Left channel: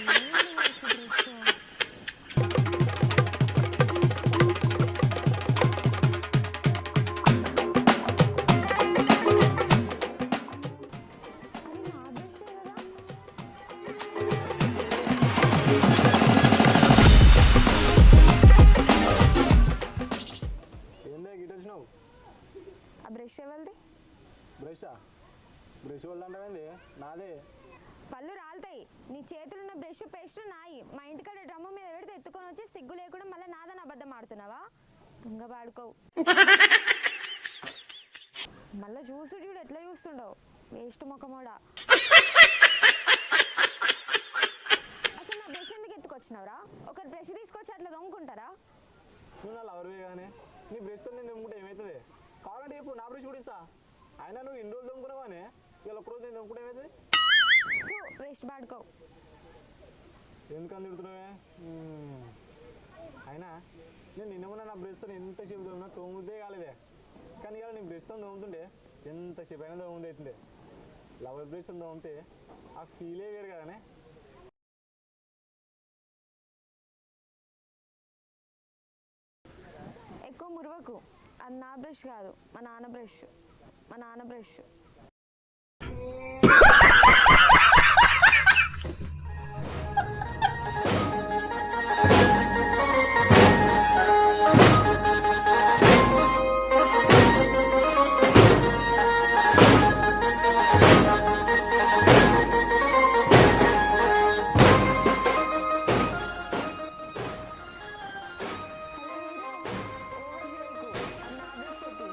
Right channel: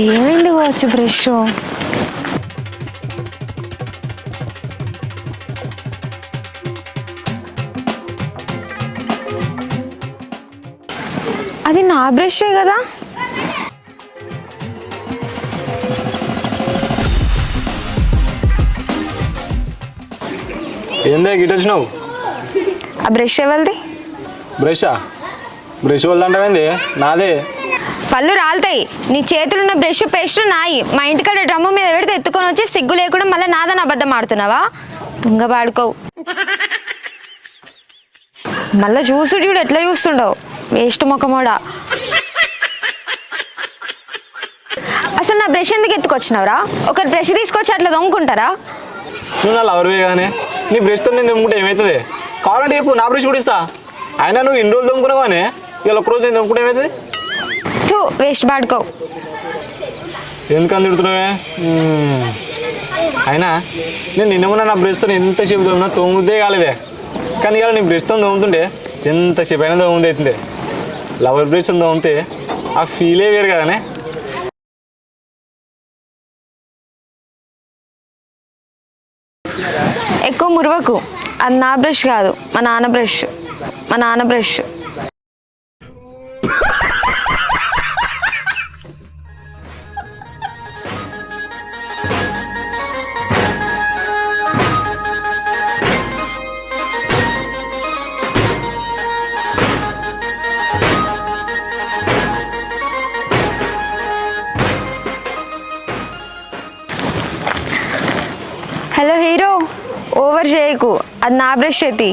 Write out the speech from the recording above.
ఏమైంది కావచ్చు బ్రష్. అది నా బ్రషే కదా. ఏందే గిట్ వచ్చినావు? ఆ బ్రష్ ఎవరిది? బ్రషా? బ్రష్ వల్లంటావేంది? నాదే. పళ్ళు రాలుతాయి. నీ చేతులున్న బ్రష్ పేస్ట్ నాయి. మా ఇంటికాడ డ్రమ్ము మీద పెడితే ఎత్తుకొని వచ్చి సిగ్గు లేకుండా మళ్ళీ నాదని అబద్ధం ఆడుతున్నావా? దొంగ పాడుకోవు. మళ్ళీ చూసుడు చూడు ఎట్లా చూస్తుండవు, వేస్ట్ మొక్కమోడా. అసలు నా బ్రష్ ఎందుకు ఎత్తుకొచ్చినావురా? ఒకరి బ్రష్ తీసుకొచ్చి అట్లా దొంగకుంటారా? నువ్వు నా లవర్వే కానీ నీ బ్రష్తో నేను దొమ్ముకుంటే ఏమవుతుంది? కావాలంటే చెప్పు, నా బ్రష్ కూడా ఇస్తా. అయినా నువ్వు ఇన్ని రోజులు దొమ్ముకున్నావు కానీ ఇవాళ ఒక్కరోజు నేను దొమ్ముకుంటే ఏమవుతుంది? వేస్ట్ పాడుకోవు. ఎందుకని తిడుతున్నావే? అయినా నేను నిన్నమన్నా నా బ్రష్తో ఎంతసేపు దొమ్మినా తోముద్దే కాలేదే. కానీ ఇవాళ నీ బ్రష్తో దొమ్ముతుంటే ఎంతసేపు అయినా దొమ్ముది అవుతుంది. లవర్ బ్రష్ దొమ్మితే ఆ ఫీలే వేరు కదనే. ఎక్కువ మురవకు. అది నా బ్రష్ కాదు, మా నాన్న బ్రష్. మా నాన్న బ్రష్. హలో హీరో, ఓవర్ చేయకు. అది నా బ్రష్ ఎత్తి.